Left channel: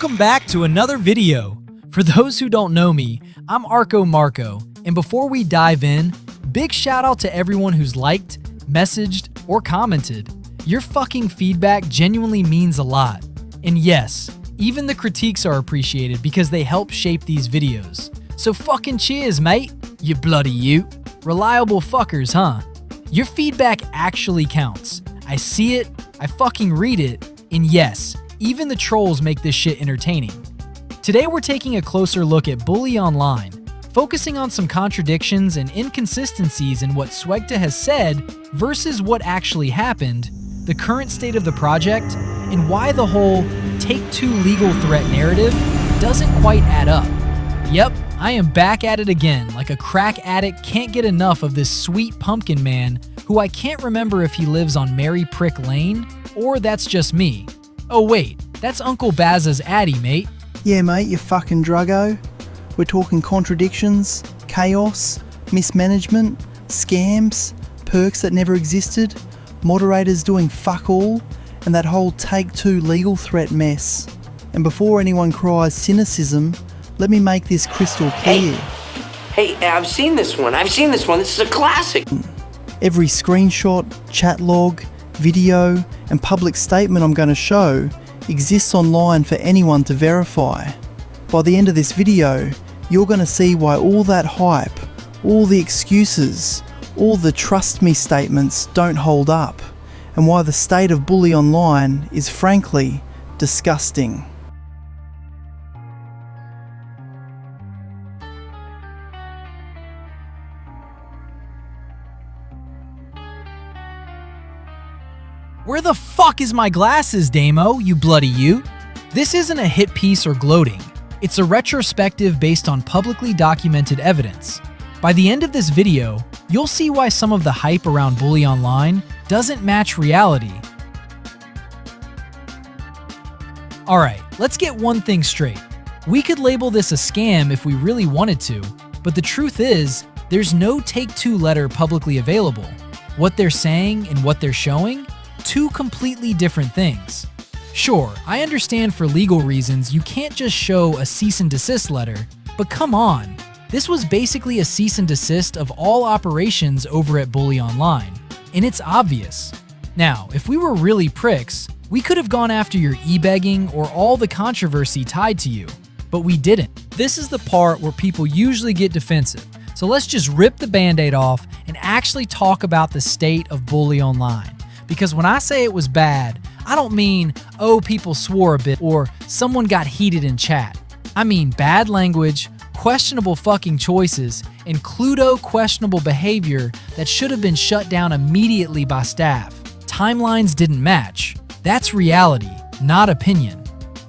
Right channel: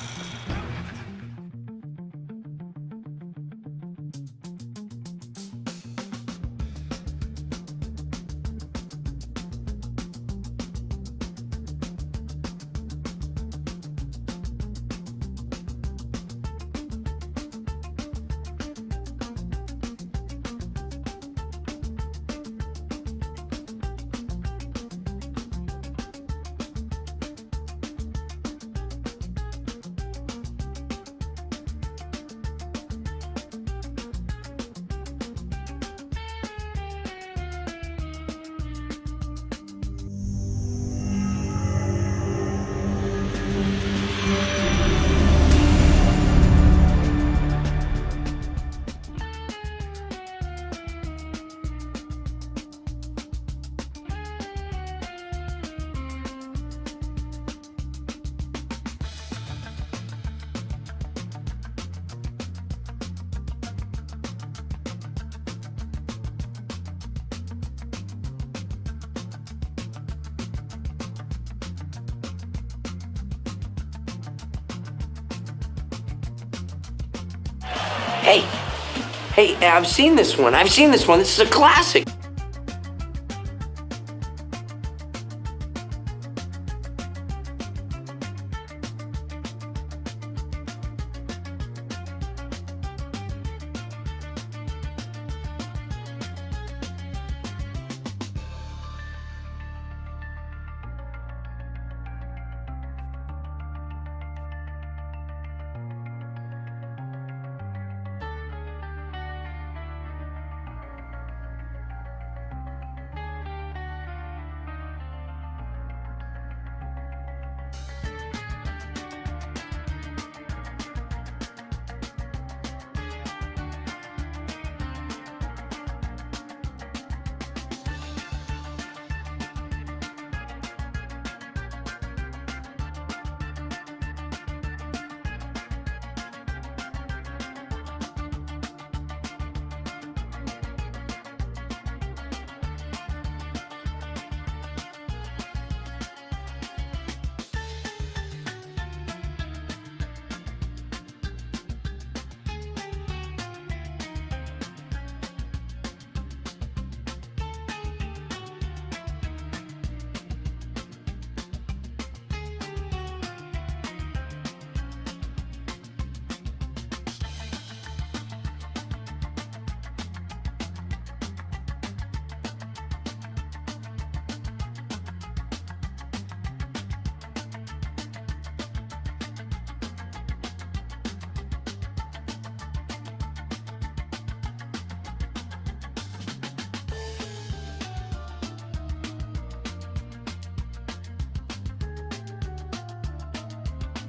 Welcome back to another video. For those who don't know me, I'm Arco Marco, and before we dive in, big shout out to everyone who's liked, messaged, or commented. Your fucking feedback genuinely means a lot. And yes, even the critiques are appreciated because they help shape these videos. So fucking cheers, mate, you bloody you. Reliable fuckers, huh? Your feedback actually counts. I see it, I fucking read it, and yes, even the trolls make this shit entertaining. Today we're taking a closer look at Bully Online, focusing on some contradictions and inconsistencies in what Swegta has said versus what actually happened, the current state of the project, and why the whole Take-Two legal threat narrative doesn't quite add up. Yep, I am back at it again, like a crack addict can't get enough of this sweet pumpkin man who I can't remember if he lives on Mary Prick Lane, or that's just me. Oh wait, that's Uncle Bazza's Addy, mate. Yeah mate, you fucking druggo. We're talking contradictions, chaos, mismanagement, scams, perks that never existed, moderators doing fuck all, and that whole Take-Two legal threat mess. And before anyone cries cynicism, let me make this crystal clear. Hey, I've seen this one. This is a classic. Every screenshot, chat log, video, and public statement I'm going to show exists online for anyone to verify. By the end of this video, you're going to see why all that hype, all the excuses, all the trust me statements don't hold up, and why the state of Bully Online is frankly disgusting. Where the fuck is my glasses, Damo, you bloody you? This isn't a hit piece or gloating. It's a retrospective based on publicly documented evidence. By the end of this video, you'll see why some of the hype around Bully Online doesn't match reality. Alright, let's get one thing straight. We could label this a scam if we really wanted to, but the truth is, there's no Take-Two letter publicly available. What they're saying and what they're showing? Two completely different things. Sure, I understand for legal reasons you can't just show a cease and desist letter, but come on. This was basically a cease and desist of all operations over at Bully Online, and it's obvious. Now, if we were really pricks, we could have gone after your e-begging or all the controversy tied to you, but we didn't. This is the part where people usually get defensive, so let's just rip the band-aid off and actually talk about the state of Bully Online. Because when I say it was bad, I don't mean, oh, people swore a bit or someone got heated in chat. I mean bad language, questionable fucking choices, and Cluedo questionable behavior that should have been shut down immediately by staff. Timelines didn't match. That's reality, not opinion.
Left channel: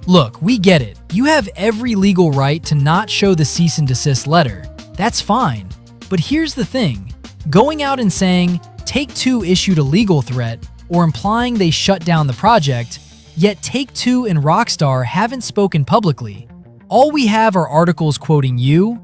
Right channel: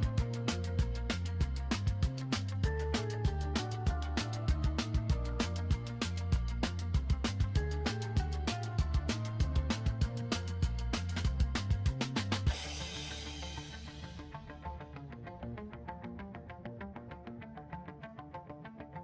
Look, we get it. You have every legal right to not show the cease and desist letter. That's fine. But here's the thing. Going out and saying, Take-Two issued a legal threat, or implying they shut down the project, yet Take-Two and Rockstar haven't spoken publicly. All we have are articles quoting you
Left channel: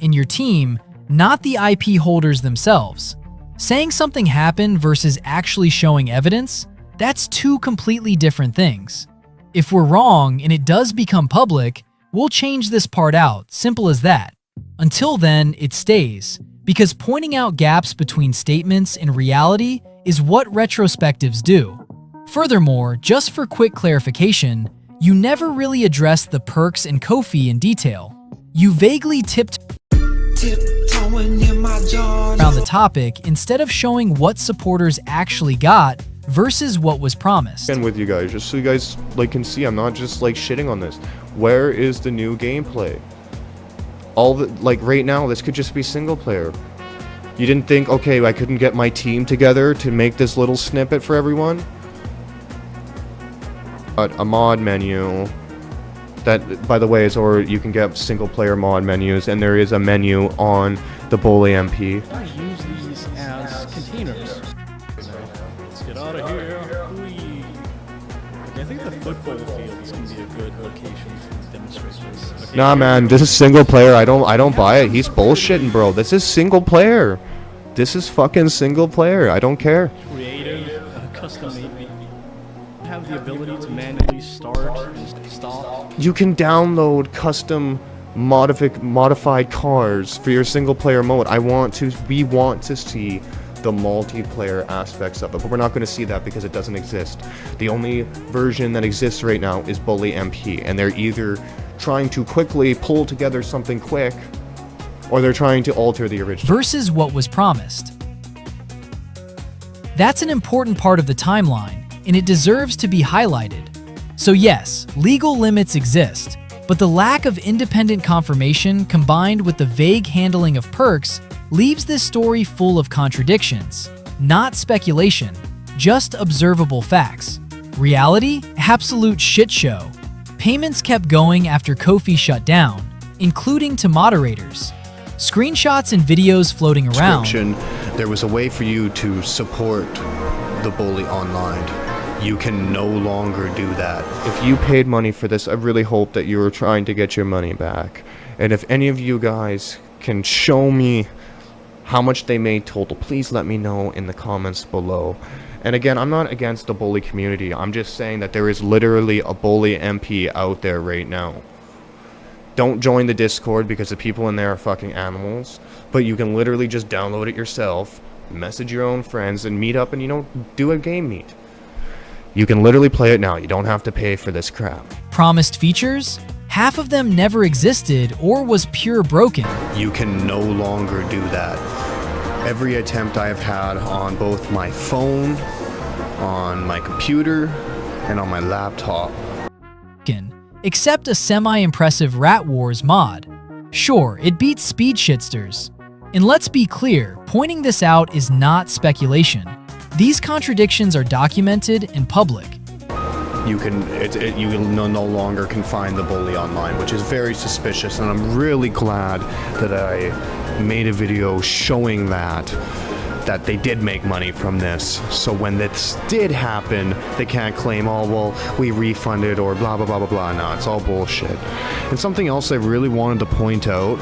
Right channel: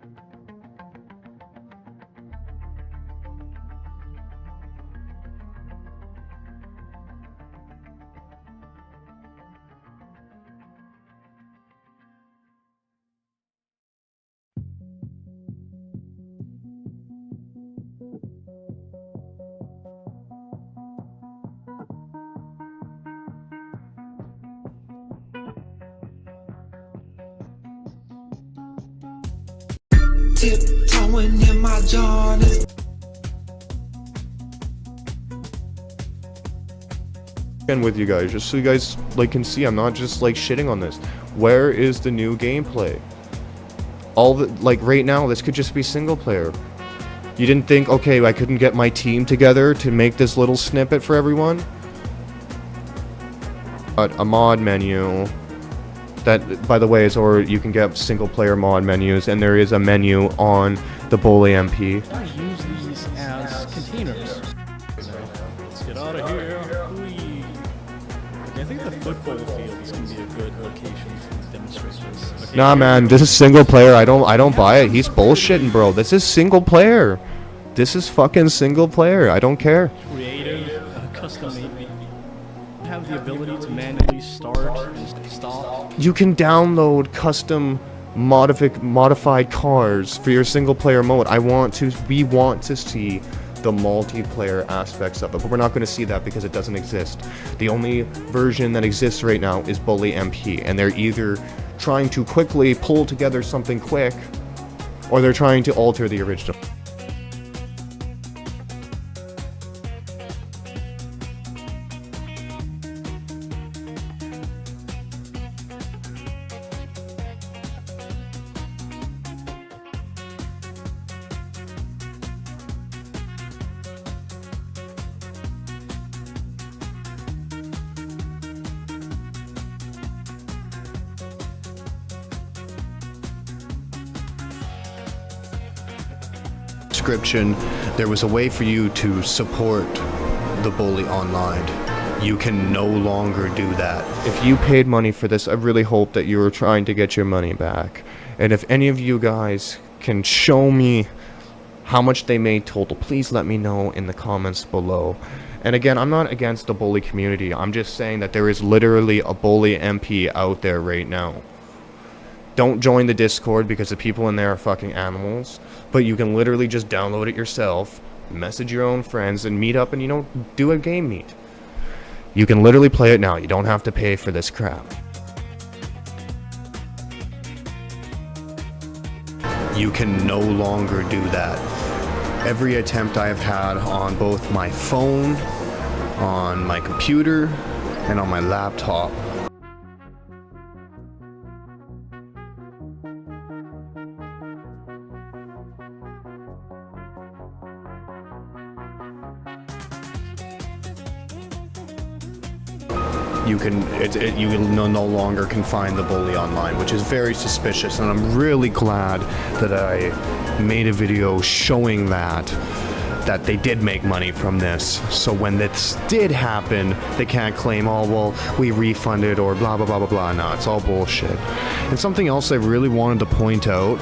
and your team, not the IP holders themselves. Saying something happened versus actually showing evidence, that's two completely different things. If we're wrong and it does become public, we'll change this part out, simple as that. Until then, it stays. Because pointing out gaps between statements and reality is what retrospectives do. Furthermore, just for quick clarification, you never really addressed the perks and Kofi in detail. You vaguely tiptoeing in my around the topic instead of showing what supporters actually got versus what was promised. And with you guys, just so you guys can see, I'm not just shitting on this. Where is the new gameplay? All the right now, this could just be single player. You didn't think, okay, I couldn't get my team together to make this little snippet for everyone? A mod menu that, by the way, is, or you can get single player mod menus, and there is a menu on the Bully MP. I use these as containers. Let's get out of here. I think the football field is going to be a good location to demonstrate this. Okay. Nah, man, this is single player. I don't buy it. He's bullshitting, bro. This is single player. This is fucking single player. I don't care. Creative, custom made. Have the ability to manually start and stop You can download custom modified cars for your single player mode. We want to see the multiplayer aspects of it, but we're not going to see that because it doesn't exist. The only version that exists right now is Bully MP, and they're either trying to quickly pull together something quick, or they're trying to alter the original. Versus what was promised. That's an important part of the timeline, and it deserves to be highlighted. So yes, legal limits exist, but the lack of independent confirmation combined with the vague handling of perks leaves this story full of contradictions. Not speculation, just observable facts. Reality? Absolute shit show. Payments kept going after Ko-fi shut down, including to moderators. Screenshots and videos floating around. There was a way for you to support the Bully online. You can no longer do that. If you paid money for this, I really hope that you were trying to get your money back. And if any of you guys can show me how much they made total, please let me know in the comments below. And again, I'm not against the Bully community. I'm just saying that there is literally a Bully MP out there right now. Don't join the Discord because the people in there are fucking animals. But you can literally just download it yourself, message your own friends, and meet up and, you know, do a game meet. You can literally play it now. You don't have to pay for this crap. Promised features? Half of them never existed or was pure broken. You can no longer do that. Every attempt I've had on both my phone, on my computer, and on my laptop. Except a semi-impressive Rat Wars mod. Sure, it beats Speed Shitsters. And let's be clear, pointing this out is not speculation. These contradictions are documented and public. You no longer can find the Bully online, which is very suspicious, and I'm really glad that I made a video showing that they did make money from this. So when this did happen, they can't claim, oh, well, we refunded or blah, blah, blah, blah, blah. No, it's all bullshit. And something else I really wanted to point out,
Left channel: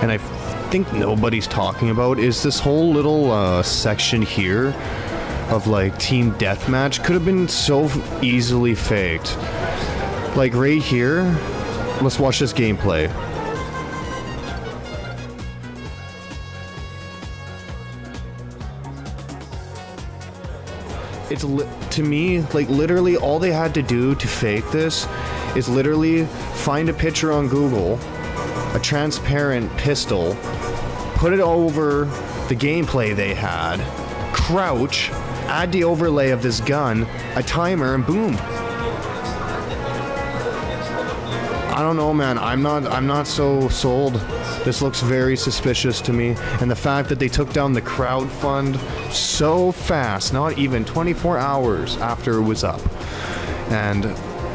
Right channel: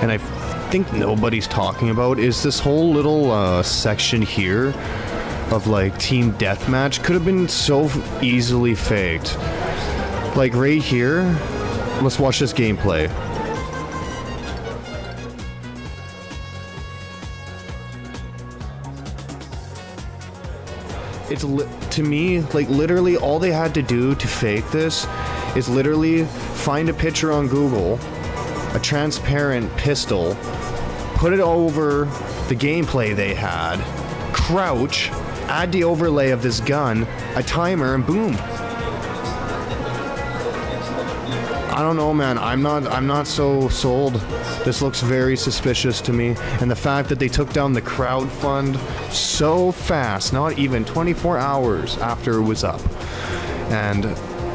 and I think nobody's talking about, is this whole little section here of like team deathmatch could have been so easily faked. Like right here, let's watch this gameplay. It's to me, like literally all they had to do to fake this is literally find a picture on Google, a transparent pistol, put it over the gameplay they had, crouch, add the overlay of this gun, a timer, and boom. I don't know, man. I'm not so sold. This looks very suspicious to me. And the fact that they took down the crowd fund so fast, not even 24 hours after it was up. And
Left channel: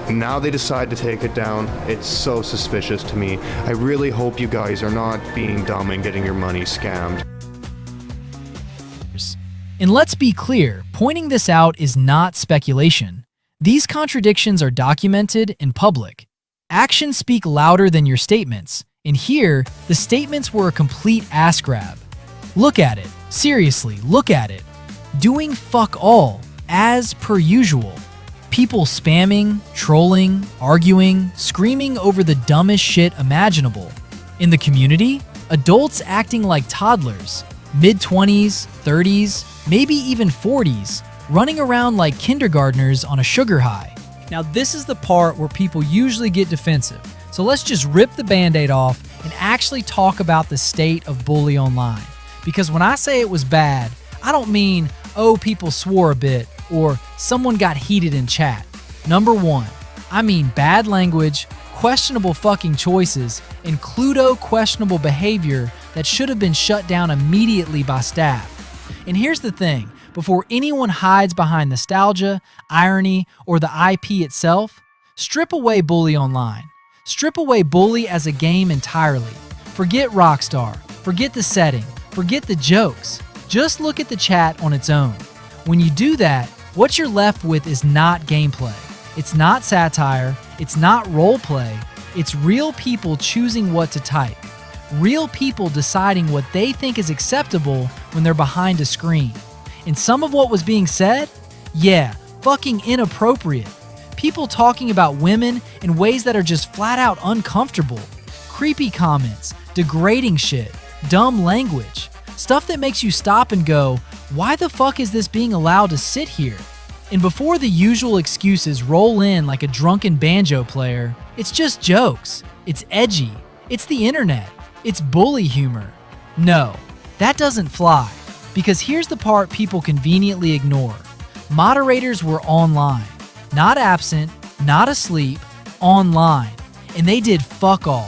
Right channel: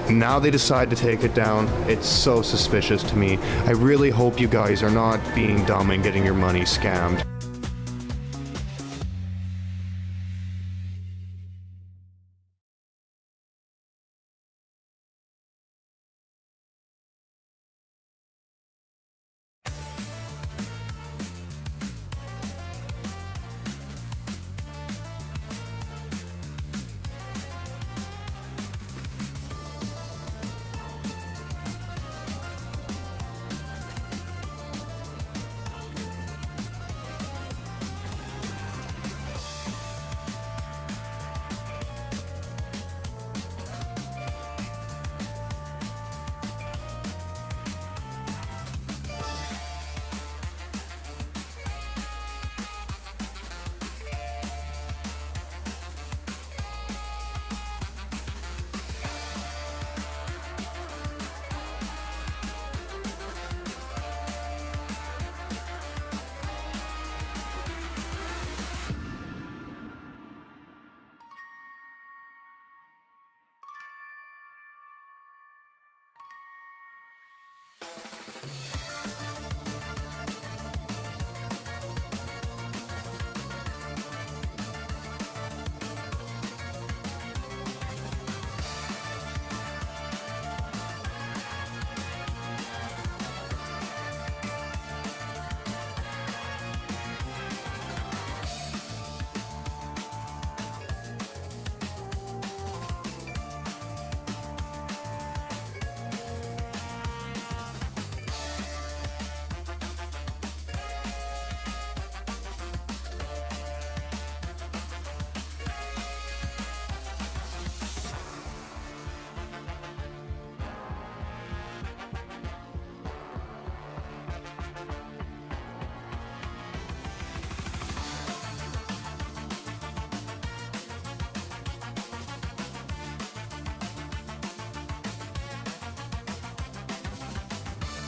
now they decide to take it down. It's so suspicious to me. I really hope you guys are not being dumb and getting your money scammed. And let's be clear, pointing this out is not speculation. These contradictions are documented and public. Actions speak louder than your statements, and here, the statements were a complete ass grab. Look at it. Seriously, look at it. Doing fuck all, as per usual. People spamming, trolling, arguing, screaming over the dumbest shit imaginable. In the community, adults acting like toddlers, mid-20s, 30s, maybe even 40s, running around like kindergartners on a sugar high. Now this is the part where people usually get defensive, so let's just rip the band-aid off and actually talk about the state of Bully Online. Because when I say it was bad, I don't mean, oh, people swore a bit, or someone got heated in chat. Number one, I mean bad language, questionable fucking choices, and questionable behavior that should have been shut down immediately by staff. And here's the thing. Before anyone hides behind nostalgia, irony, or the IP itself, strip away Bully Online. Strip away Bully as a game entirely. Forget Rockstar, forget the setting, forget the jokes. Just look at the chat on its own. When you do that, what you're left with is not gameplay. It's not satire, it's not roleplay, it's real people choosing what to type. Real people deciding what they think is acceptable when they're behind a screen. And some of what was being said? Yeah, fucking inappropriate. People talking about women in ways that are just flat out uncomfortable. Creepy comments, degrading shit, dumb language. Stuff that makes you stop and go, why the fuck is this being allowed to sit here? And before the usual excuses roll in like a drunken banjo player, it's just jokes. It's edgy. It's the internet. It's bully humor. No, that doesn't fly. Because here's the part people conveniently ignore. Moderators were online. Not absent, not asleep, online. And they did fuck all.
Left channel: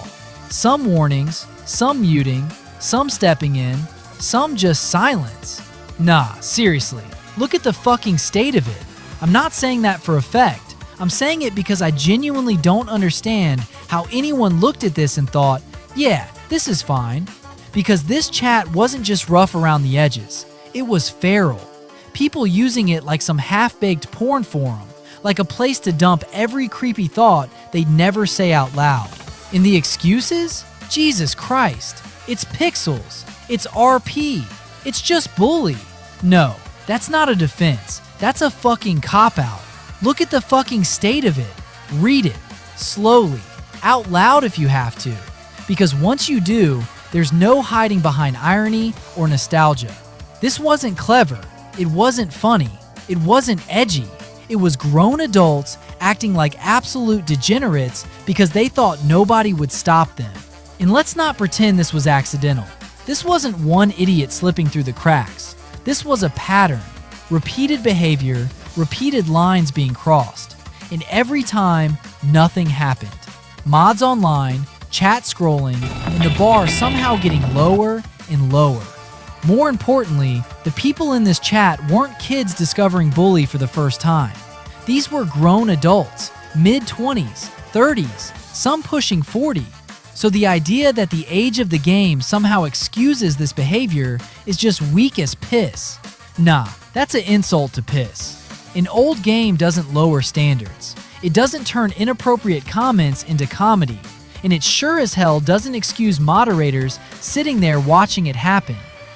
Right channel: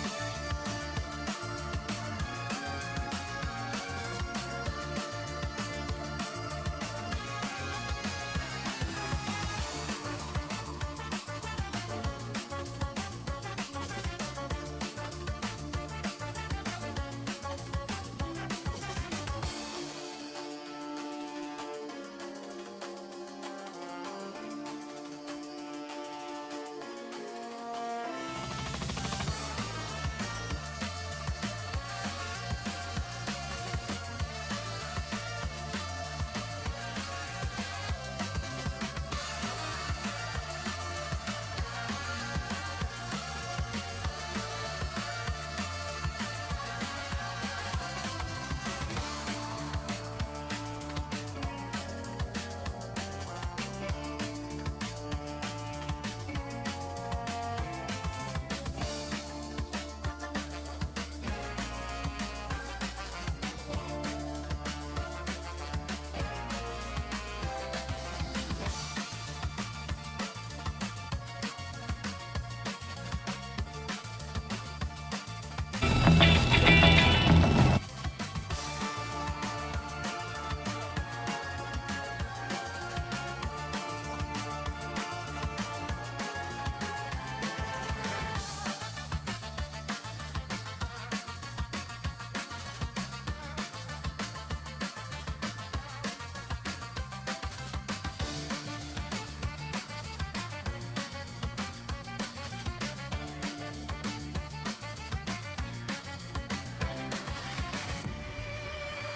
Some warnings, some muting, some stepping in, some just silence. Nah, seriously, look at the fucking state of it. I'm not saying that for effect. I'm saying it because I genuinely don't understand how anyone looked at this and thought, yeah, this is fine. Because this chat wasn't just rough around the edges. It was feral. People using it like some half-baked porn forum, like a place to dump every creepy thought they'd never say out loud. And the excuses? Jesus Christ. It's pixels. It's RP. It's just bully. No, that's not a defense. That's a fucking cop-out. Look at the fucking state of it. Read it. Slowly. Out loud if you have to. Because once you do, there's no hiding behind irony or nostalgia. This wasn't clever. It wasn't funny. It wasn't edgy. It was grown adults acting like absolute degenerates because they thought nobody would stop them. And let's not pretend this was accidental. This wasn't one idiot slipping through the cracks. This was a pattern. Repeated behavior, repeated lines being crossed. And every time, nothing happened. Mods online, chat scrolling, and the bar somehow getting lower and lower. More importantly, the people in this chat weren't kids discovering bully for the first time. These were grown adults, mid-20s, 30s, some pushing 40. So the idea that the age of the game somehow excuses this behavior is just weak as piss. Nah, that's an insult to piss. An old game doesn't lower standards. It doesn't turn inappropriate comments into comedy. And it sure as hell doesn't excuse moderators sitting there watching it happen.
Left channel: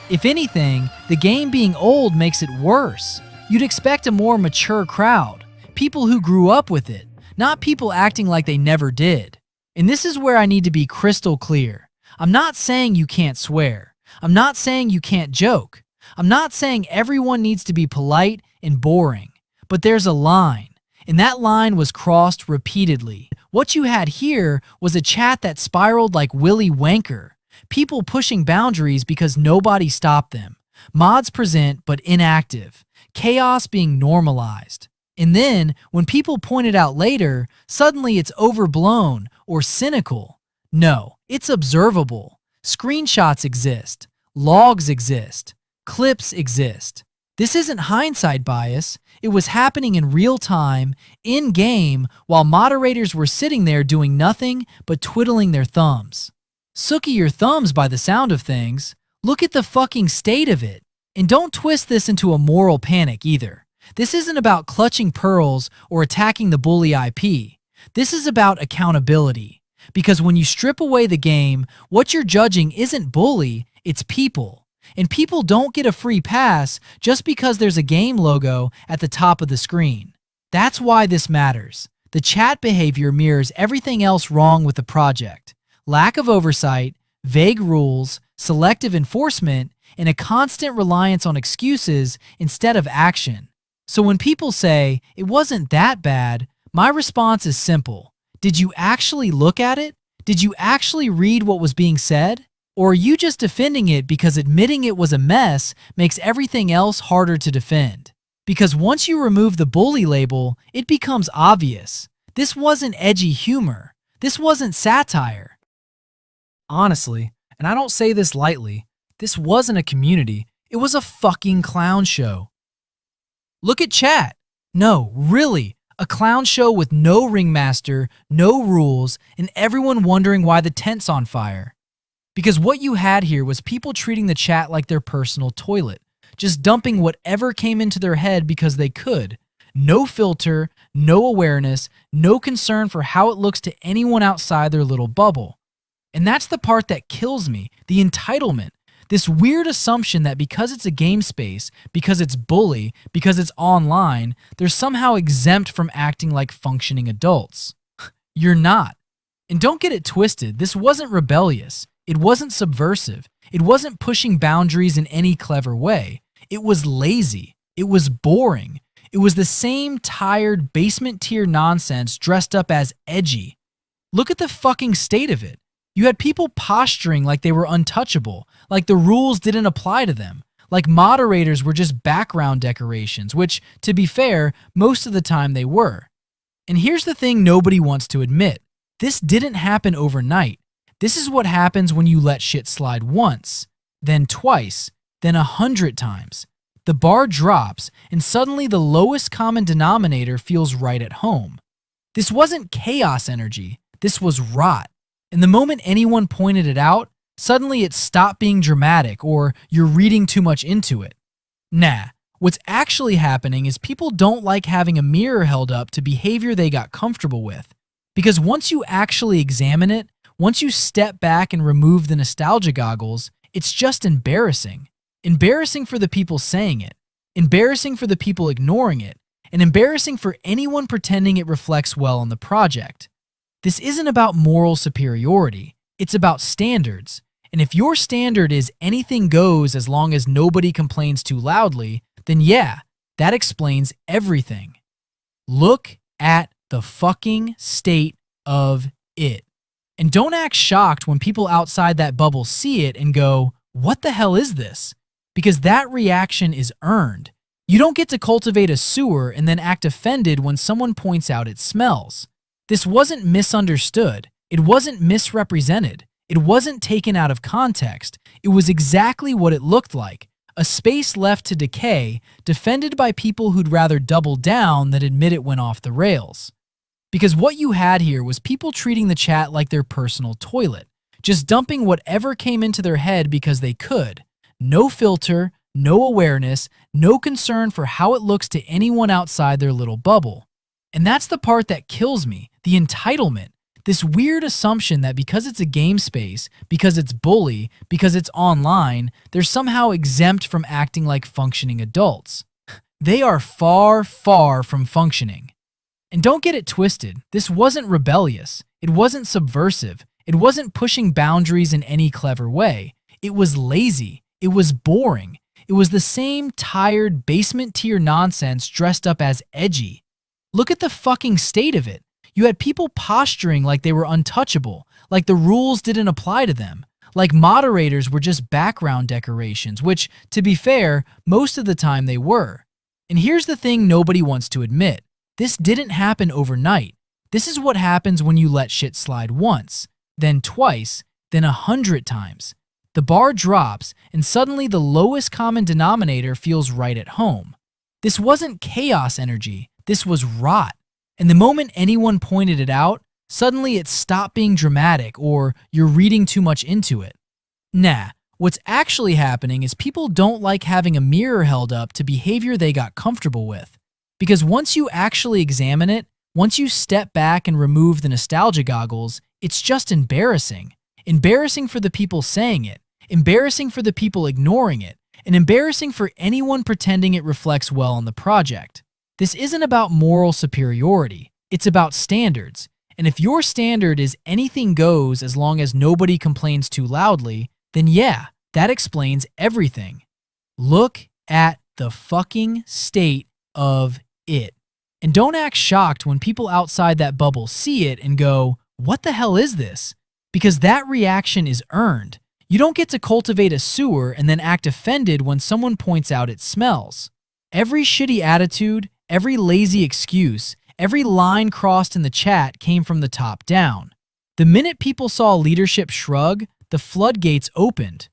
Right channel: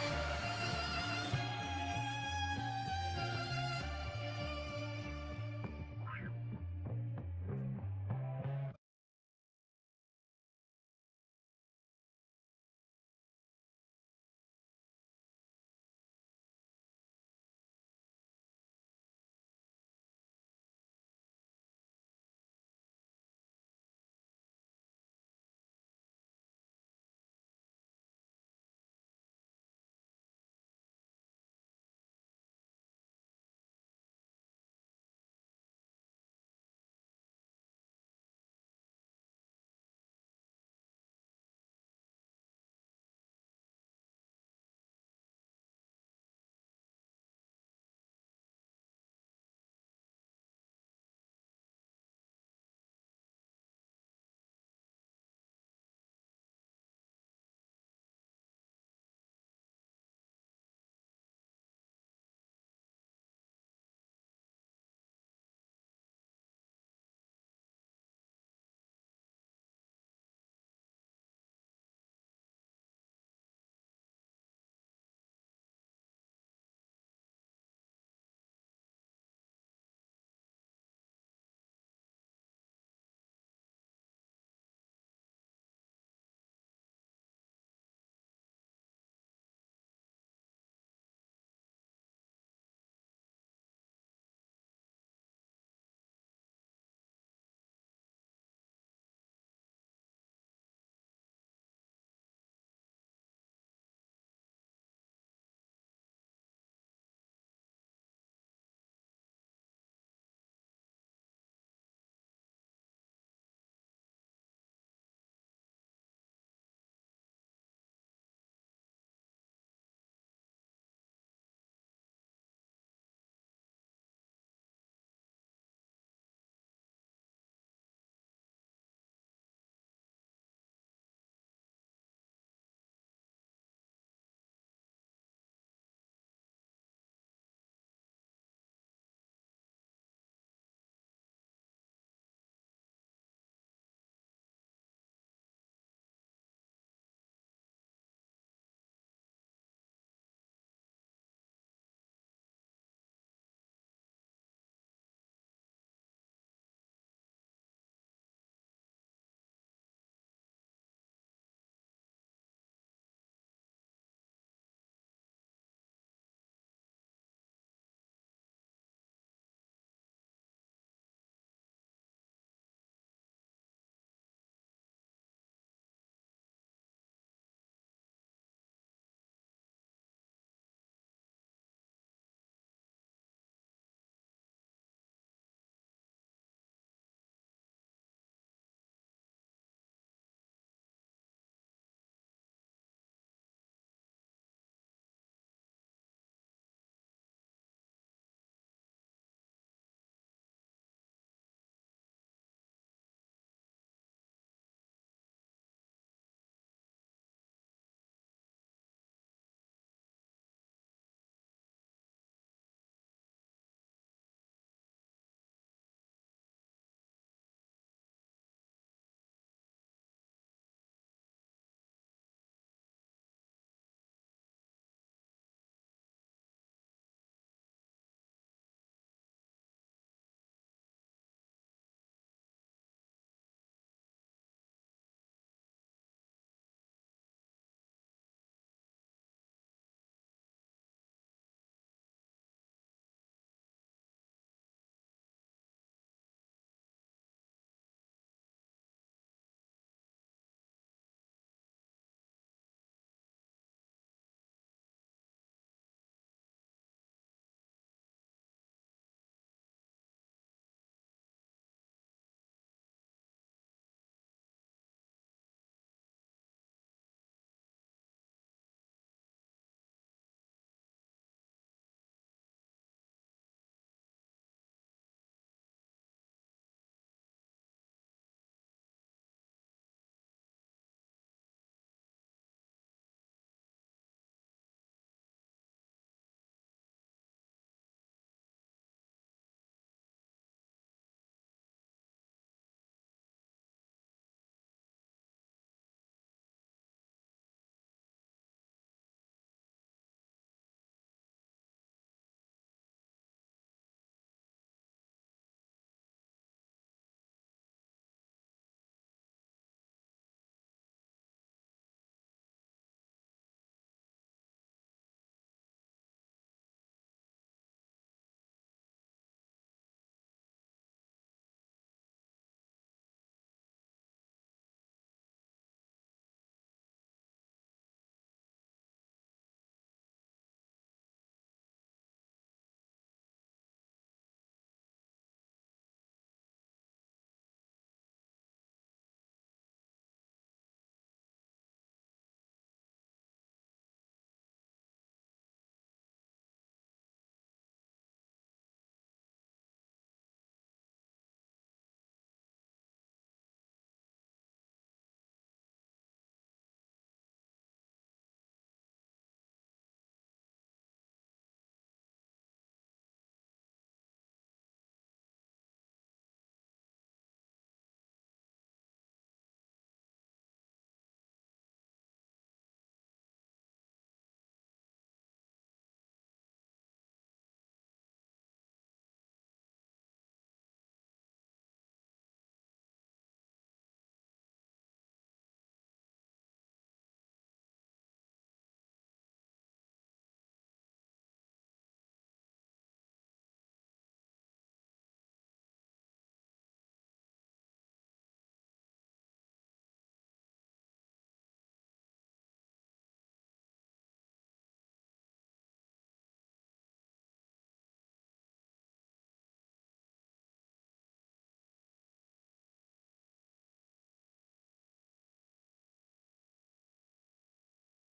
If anything, the game being old makes it worse. You'd expect a more mature crowd, people who grew up with it, not people acting like they never did. And this is where I need to be crystal clear. I'm not saying you can't swear. I'm not saying you can't joke. I'm not saying everyone needs to be polite and boring. But there's a line, and that line was crossed repeatedly. What you had here was a chat that spiraled like Willy Wanker. People pushing boundaries because nobody stopped them. Mods present but inactive. Chaos being normalized. And then, when people point it out later, suddenly it's overblown or cynical. No, it's observable. Screenshots exist. Logs exist. Clips exist. This isn't hindsight bias. It was happening in real time, in-game, while moderators were sitting there doing nothing but twiddling their thumbs. Sookie your thumbs by the sound of things. Look at the fucking state of it. And don't twist this into a moral panic either. This isn't about clutching pearls or attacking the bully IP. This is about accountability. Because when you strip away the game, what you're judging isn't bully, it's people. And people don't get a free pass just because there's a game logo at the top of the screen. That's why this matters. The chat behavior mirrors everything else wrong with the project. Lack of oversight, vague rules, selective enforcement, and a constant reliance on excuses instead of action. So when people say, it wasn't that bad, my response is simple. Did you actually look at it? Did you actually read what was being said? Or are you just defending it because admitting it was a mess makes everything else harder to defend? Because once you remove the bully label, it becomes obvious. This wasn't edgy humor. This wasn't satire. Honestly, and I don't say this lightly, this wasn't a community. It was a fucking clown show. Look at chat. No, really, a clown show with no ringmaster, no rules, and everyone wondering why the tent's on fire. Because what you had here was people treating the chat like their personal toilet, just dumping whatever came into their head because they could. No filter, no awareness, no concern for how it looks to anyone outside their little bubble. And that's the part that kills me, the entitlement. This weird assumption that because it's a game space, because it's bully, because it's online, they're somehow exempt from acting like functioning adults. You're not. And don't get it twisted, this wasn't rebellious. It wasn't subversive. It wasn't pushing boundaries in any clever way. It was lazy. It was boring. It was the same tired basement tier nonsense dressed up as edgy. Look at the fucking state of it. You had people posturing like they were untouchable, like the rules didn't apply to them, like moderators were just background decorations, which, to be fair, most of the time they were. And here's the thing nobody wants to admit. This didn't happen overnight. This is what happens when you let shit slide once, then twice, then 100 times. The bar drops, and suddenly the lowest common denominator feels right at home. This wasn't chaos energy. This was rot. And the moment anyone pointed it out, suddenly it stopped being dramatic or you're reading too much into it. Nah, what's actually happening is people don't like having a mirror held up to behavior they got comfortable with. Because once you actually examine it, once you step back and remove the nostalgia goggles, it's just embarrassing. Embarrassing for the people saying it, embarrassing for the people ignoring it, and embarrassing for anyone pretending it reflects well on the project. This isn't about moral superiority, it's about standards. And if your standard is anything goes as long as nobody complains too loudly, then yeah, that explains everything. Look at the fucking state of it. And don't act shocked when people outside that bubble see it and go, "What the hell is this?" Because that reaction is earned. You don't get to cultivate a sewer and then act offended when someone points out it smells. This wasn't misunderstood. It wasn't misrepresented. It wasn't taken out of context. It was exactly what it looked like. A space left to decay, defended by people who'd rather double down than admit it went off the rails. Because what you had here was people treating the chat like their personal toilet, just dumping whatever came into their head because they could. No filter, no awareness, no concern for how it looks to anyone outside their little bubble. And that's the part that kills me, the entitlement. This weird assumption that because it's a game space, because it's bully, because it's online, they're somehow exempt from acting like functioning adults. They are far, far from functioning. And don't get it twisted, this wasn't rebellious. It wasn't subversive. It wasn't pushing boundaries in any clever way. It was lazy. It was boring. It was the same tired basement tier nonsense dressed up as edgy. Look at the fucking state of it. You had people posturing like they were untouchable, like the rules didn't apply to them, like moderators were just background decorations, which, to be fair, most of the time they were. And here's the thing nobody wants to admit. This didn't happen overnight. This is what happens when you let shit slide once, then twice, then 100 times. The bar drops, and suddenly the lowest common denominator feels right at home. This wasn't chaos energy. This was rot. And the moment anyone pointed it out, suddenly it stopped being dramatic or you're reading too much into it. Nah, what's actually happening is people don't like having a mirror held up to behavior they got comfortable with. Because once you actually examine it, once you step back and remove the nostalgia goggles, it's just embarrassing. Embarrassing for the people saying it, embarrassing for the people ignoring it, and embarrassing for anyone pretending it reflects well on the project. This isn't about moral superiority, it's about standards. And if your standard is anything goes as long as nobody complains too loudly, then yeah, that explains everything. Look at the fucking state of it. And don't act shocked when people outside that bubble see it and go, "What the hell is this?" Because that reaction is earned. You don't get to cultivate a sewer and then act offended when someone points out it smells. Every shitty attitude, every lazy excuse, every line crossed in the chat came from the top down. The minute people saw leadership shrug, the floodgates opened.